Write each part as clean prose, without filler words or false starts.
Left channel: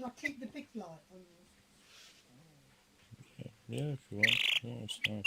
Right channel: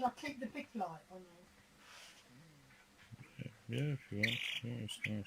Shall I keep the big light on you? Yeah, if you want. Yeah, it's nice.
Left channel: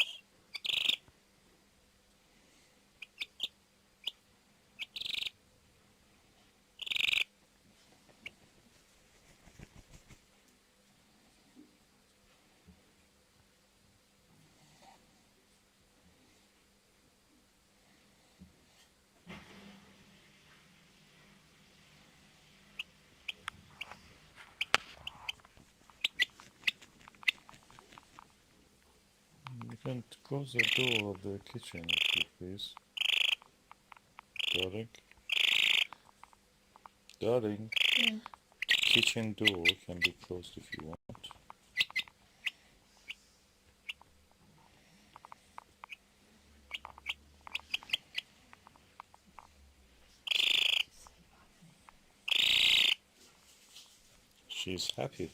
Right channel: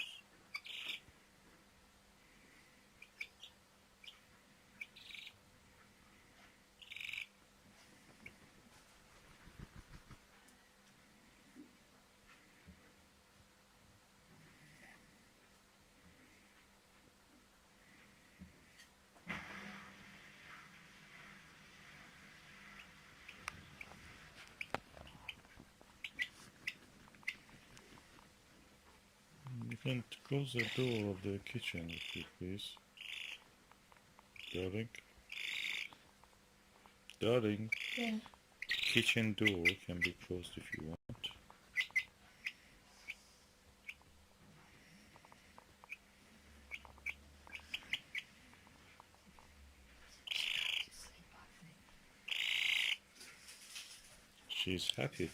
You can close the door of the kitchen, if you please. Darling. Darling. Yeah. Kitchen door can be closed if you want. She's happy.